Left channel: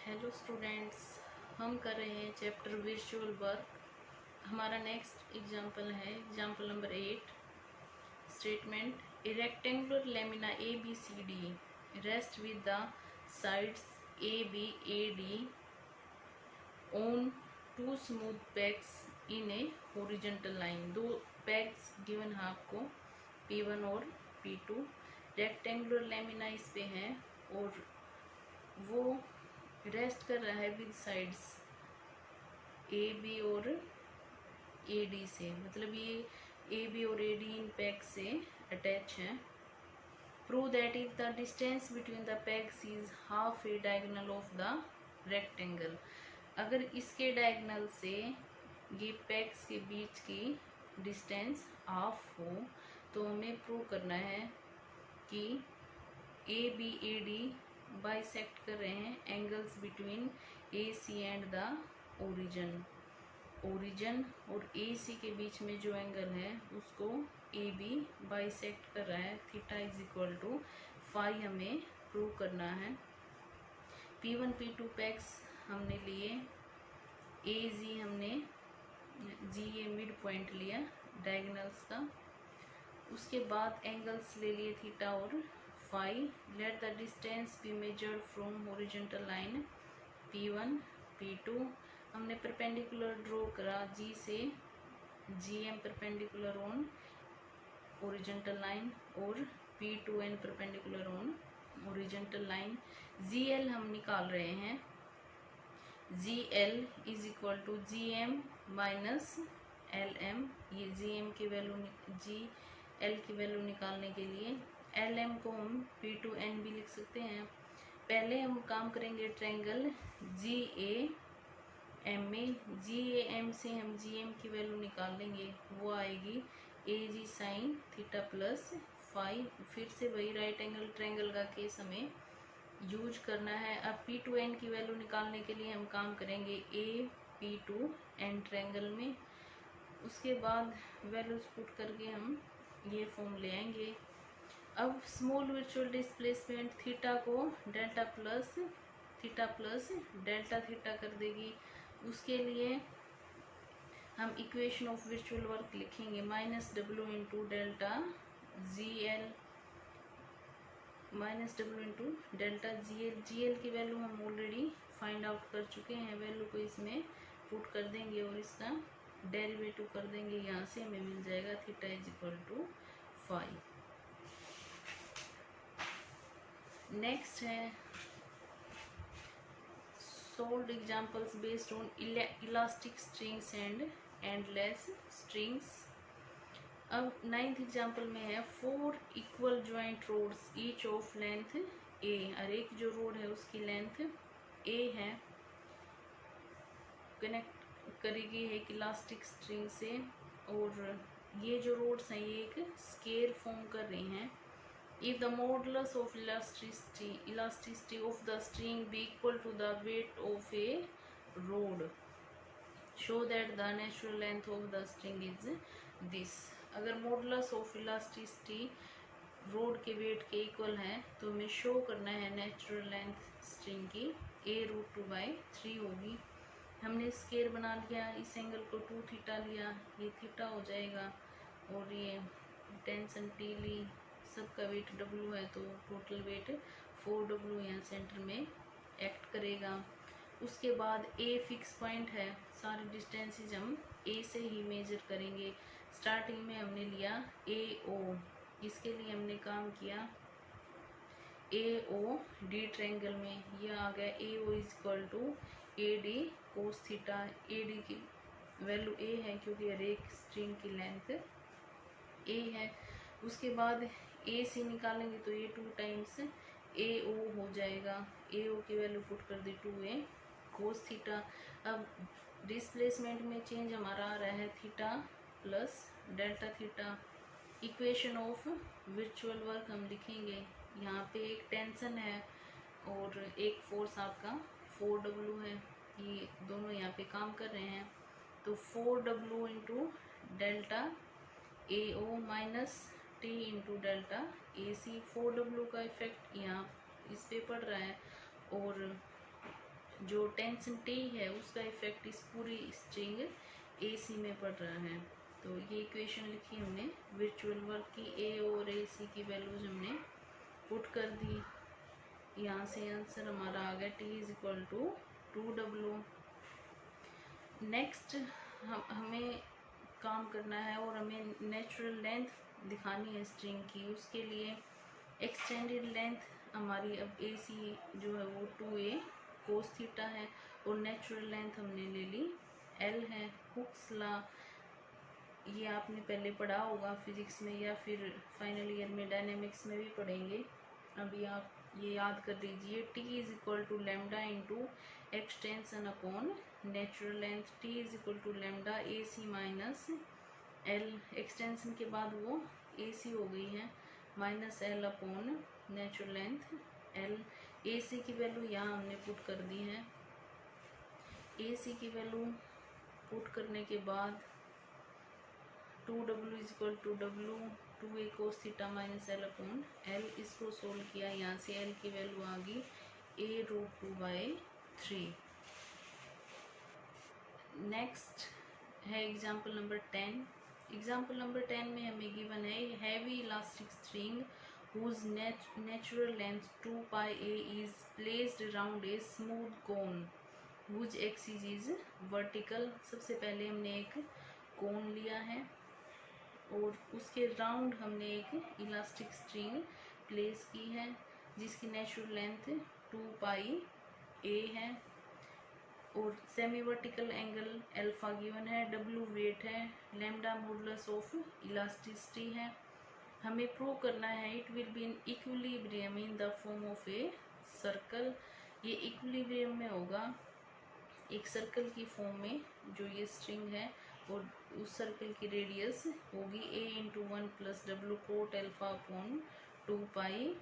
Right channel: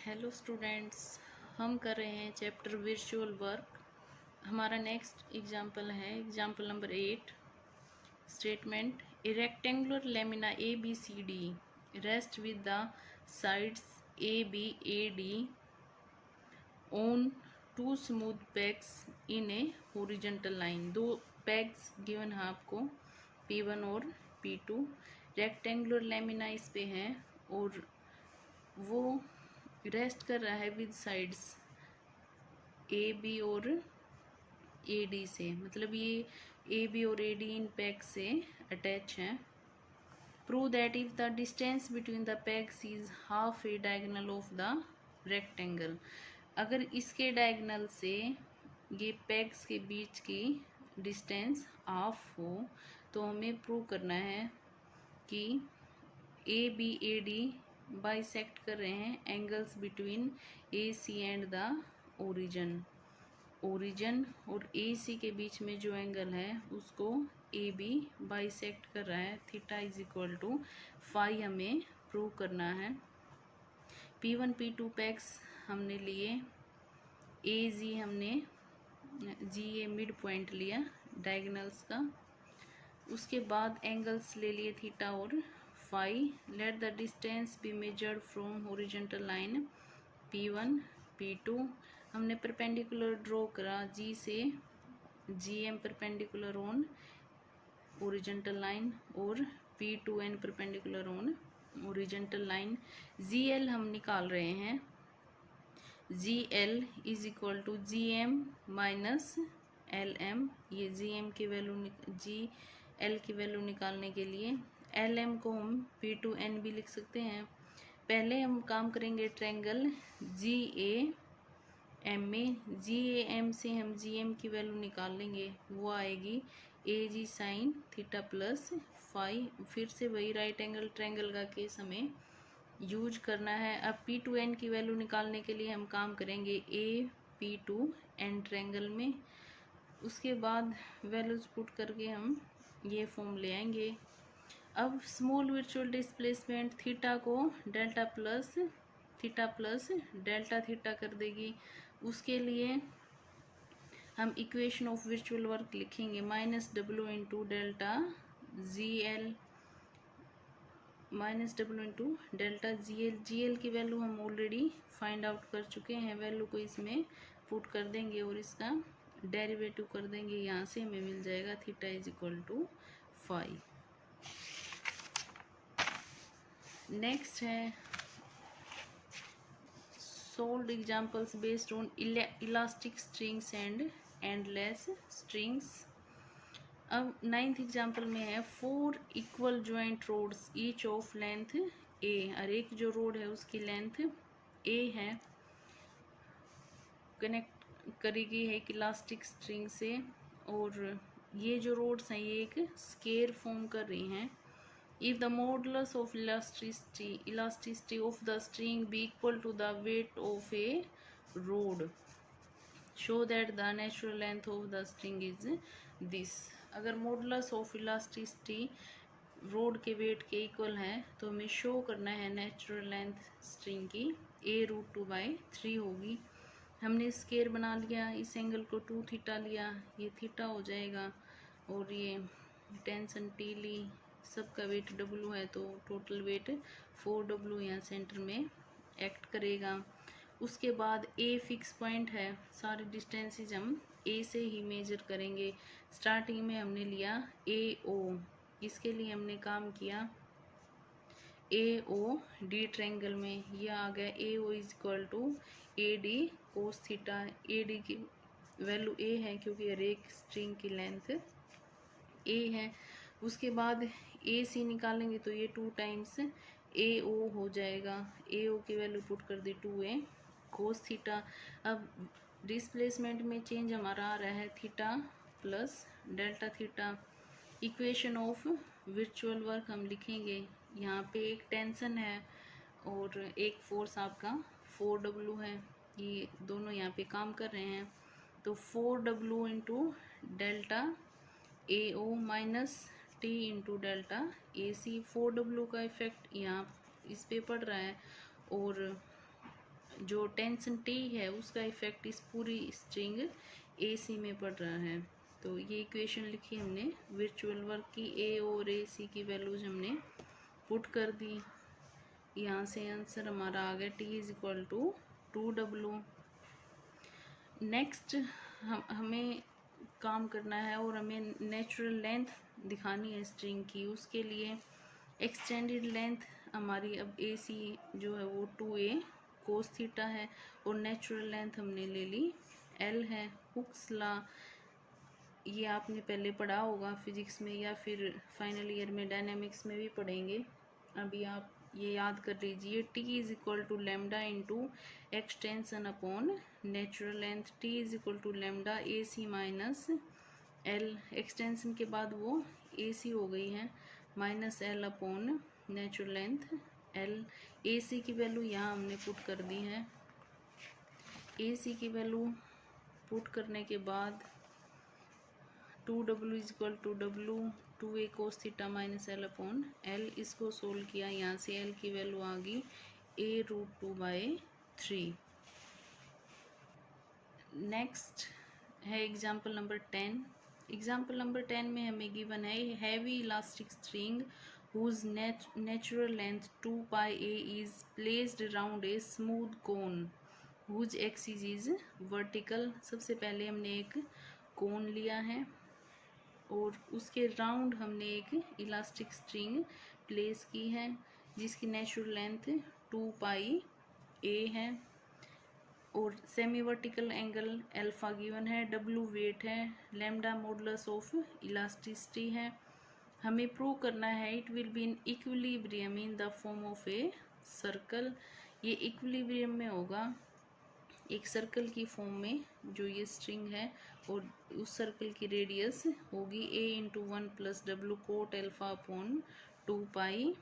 Hello students, हम कर रहे हैं चैप्टर विजुअल वर्क। हमारा नेक्स्ट एग्जाम्पल है example number 8। Statement: a rectangular lamina A B C D rest with the sides A B A D on two smooth pegs in a horizontal line. दो pegs given है आपको, P1 और P2। Rectangular lamina इस पे है और वो rest कर रहा है विद साइड्स ए बी और ए डी से, मतलब ये ए बी और ए डी इन पैक्स से अटैच हैं। Prove that if the distance between the PACS is half A diagonal of the rectangle. अगर इसके डायगोनल से ये पैक्स के बीच की डिस्टेंस हाफ हो तो हमें प्रूव करना है कि A B A D bisect कर रहे हैं angles between A C and the origin. Origin और ए सी के बीच में जो एंगल है उसको ए बी बाइसेक्ट कर रहा है। Theta is equal to phi हमें प्रूव करना है। P1 P2 पैक्स हमने लिए, ए जी हमने जी ए मिड पॉइंट लिया डायगोनल्स का। उसके बाद एंगल्स ले लिए थीटा और phi. Let the distance be measured from horizontal line P1 P2। हमने परपेंडिकुलर ड्रॉ करा जी से, G M perpendicular on horizontal line और P2 N perpendicular on horizontal line. G L हम निकाल रहे हैं, G L is equal to G M minus L M. ये G M की वैल्यू, जी एल की वैल्यू निकालने के लिए एल एम को हम P2N भी लिख सकते हैं। पहले हम काम करेंगे ट्रायंगल जी ए एम में। जी ए एम से हम जी एम की वैल्यू निकाल लेंगे, वो आएगी ए जी साइन थीटा प्लस फाई। फिर से वही राइट एंगल ट्रायंगल का केस हमें यूज करना है। अब P2N की वैल्यू निकालने के लिए हम काम करेंगे ए P2N ट्रायंगल में। उसके बाद वैल्यूज पुट करके हम ये फॉर्म ले आएंगे। अब स्मॉल वर्चुअल डिस्प्लेसमेंट थीटा को डेल्टा प्लस डेल्टा थीटा कर देगी। उसके लिए हम इक्वेशन ऑफ वर्चुअल वर्क लिखेंगे minus W into delta G L, minus W into delta G L. G L की वैल्यू हम ऑलरेडी फाइंड आउट कर चुके हैं, वैल्यू को इसमें पुट कर देंगे और इसका डेरिवेटिव कर देंगे। यहाँ से हमें मिल जाएगा theta is equal to five. Next है solved examples based on elastic strings and endless strings. अब 9th एग्जाम्पल में है 4 equal joint rods each of length a. और एक जो रोड है उसकी लेंथ ए है, कनेक्ट करी गई है एक इलास्टिक स्ट्रिंग से। और ये जो रोड्स हैं ये एक स्केयर फॉर्म कर रही हैं। If the modulus of elasticity of the string be equal to the weight of a rod, show that the natural length of the string is this। अगर मॉडुलस ऑफ इलास्टिसिटी रोड के wait के equal है तो हमें show करना है natural length string की A√2/3 होगी। हमने स्केयर बना लिया, इस एंगल को 2 थीटा लिया, ये थीटा हो जाएगा और ये टेंशन T ली, सबका वेट W है तो टोटल वेट 4W यहाँ सेंटर में एक्ट करेगा। उसके बाद A फिक्स पॉइंट है, सारी डिस्टेंसेज हम A से ही मेजर करेंगे। स्टार्टिंग में हमने लिया AO, इसके लिए हमने काम किया AOD ट्रायंगल में। यह आ गया AO is equal to AD cos theta. AD की वैल्यू A है क्योंकि हर एक स्ट्रिंग की लेंथ A है। उसके बाद AC निकालेंगे तो ये 2 टाइम्स AO हो जाएगा। AO की वैल्यू पुट कर दी 2A कोस थीटा। अब डिस्प्लेसमेंट में चेंज हमारा आ रहा है theta plus delta theta. Equation of virtual work हम लिखेंगे, यहाँ पे एक टेंशन है और एक फोर्स आपका 4W है, ये दोनों यहाँ पे काम कर रहे हैं। तो 4W into delta AO minus T into delta AC। 4W का इफेक्ट यहाँ इस पे पड़ रहा है और जो टेंशन टी है उसका इफेक्ट इस पूरी स्ट्रिंग ए सी में पड़ रहा है। तो ये इक्वेशन लिखी हमने वर्चुअल वर्क की, ए और ए सी की वैल्यूज हमने पुट कर दी। यहाँ से आंसर हमारा आ गया T is equal to 2W। Next हमें काम करना है और हमें नेचुरल लेंथ दिखानी है स्ट्रिंग की। उसके लिए एक्सटेंडेड लेंथ हमारी अब ए सी जो है वो 2a कोस थीटा है और नेचुरल लेंथ हमने ले ली L है। हुक्स लॉ ये आपने पहले पढ़ा होगा फिजिक्स में या फिर फाइनल ईयर में डायनेमिक्स में भी पढ़ेंगे। अभी आप ये याद कर लीजिए, T is equal to lambda into extension upon natural length. T is equal to lambda A C minus L, extension के बाद वो ए सी हो गई है, minus L upon natural length L। A C की वैल्यू यहाँ हमने put कर दी है। ए सी की वैल्यू पुट करने के बाद 2W is equal to W 2a cos theta minus L upon L। इसको सोल्व किया, यहाँ से L की वैल्यू आ गई a√2/3। नेक्स्ट है एग्जाम्पल नंबर 10। एग्जाम्पल नंबर 10 में हमें गिवन है heavy elastic string whose natural length 2πa is placed around a smooth cone whose axis is vertical। सबसे पहले हमने एक कोन लिया है और उसके राउंड हमने एक इलास्टिक स्ट्रिंग प्लेस की है जिसकी नेचुरल लेंथ 2πa है और semi vertical angle alpha given है, W वेट है, लैम्डा मॉडुलस ऑफ इलास्टिसिटी है। हमें प्रूव करना है it will be in equilibrium in the form of a circle. ये इक्विलिब्रियम में होगा एक सर्कल की फॉर्म में जो ये स्ट्रिंग है और उस सर्कल की रेडियस होगी a into 1 plus W quote alpha upon 2π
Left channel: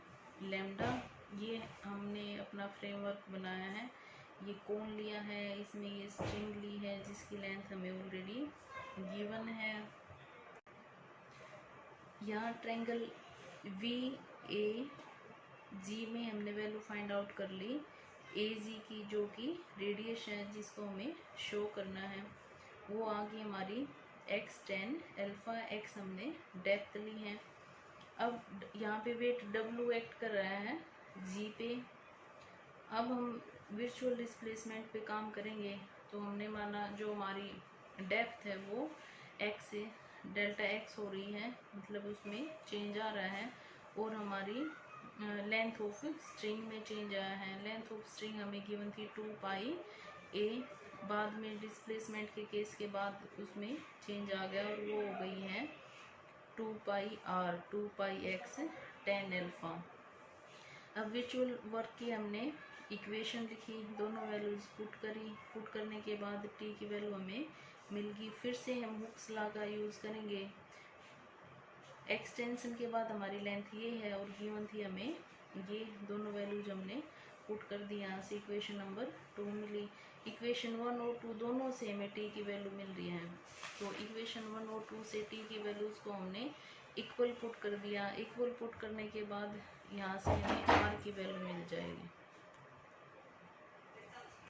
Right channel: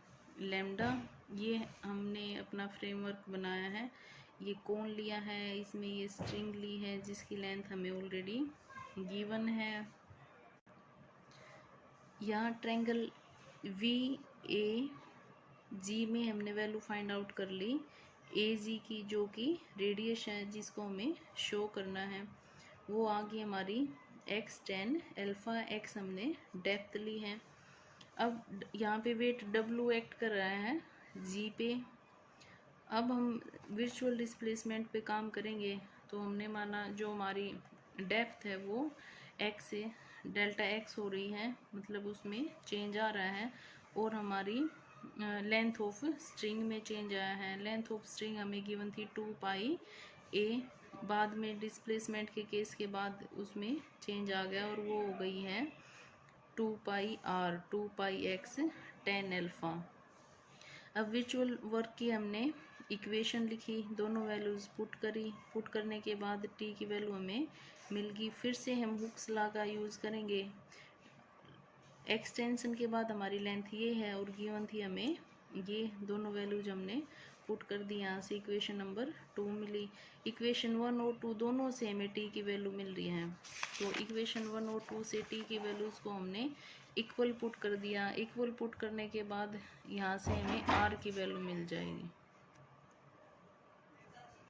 lambda. ये हमने अपना फ्रेमवर्क बनाया है, ये कोन लिया है, इसमें ये स्ट्रिंग ली है जिसकी लेंथ हमें ऑलरेडी गिवन है। यहाँ ट्रायंगल VAG में हमने वैल्यू फाइंड आउट कर ली AG की, जो कि रेडियस है जिसको हमें शो करना है। वो आ गई हमारी x10 अल्फा, x हमने डेप्थ ली है। अब यहाँ पे वेट W एक्ट कर रहा है G पे। अब हम वर्चुअल डिस्प्लेसमेंट पे काम करेंगे तो हमने माना जो हमारी डेप्थ है वो x से डेल्टा x हो रही है, मतलब उसमें चेंज आ रहा है और हमारी लेंथ ऑफ स्ट्रिंग में चेंज आया है। लेंथ ऑफ स्ट्रिंग हमें गिवन थी 2πa, बाद में डिस्प्लेसमेंट के केस के बाद उसमें चेंज आ गया और वो हो गई है 2πr 2πx 10 अल्फा। अब वर्चुअल वर्क की हमने इक्वेशन लिखी, दोनों वैल्यूज पुट करी, पुट करने के बाद t की वैल्यू हमें मिल गई। फिर से हम हुक्स लॉ का यूज़ करेंगे। एक्सटेंशन के बाद हमारी लेंथ ये है और गिवन थी हमें ये, दोनों वैल्यूज हमने पुट कर दी। यहाँ से इक्वेशन नंबर 2 मिली। इक्वेशन 1 और 2 दोनों से हमें t की वैल्यू मिल रही है, तो इक्वेशन 1 और 2 से t की वैल्यूज़ को हमने इक्वल पुट कर दिया। इक्वल पुट करने के बाद यहाँ से हमें r की वैल्यू मिल जाएगी।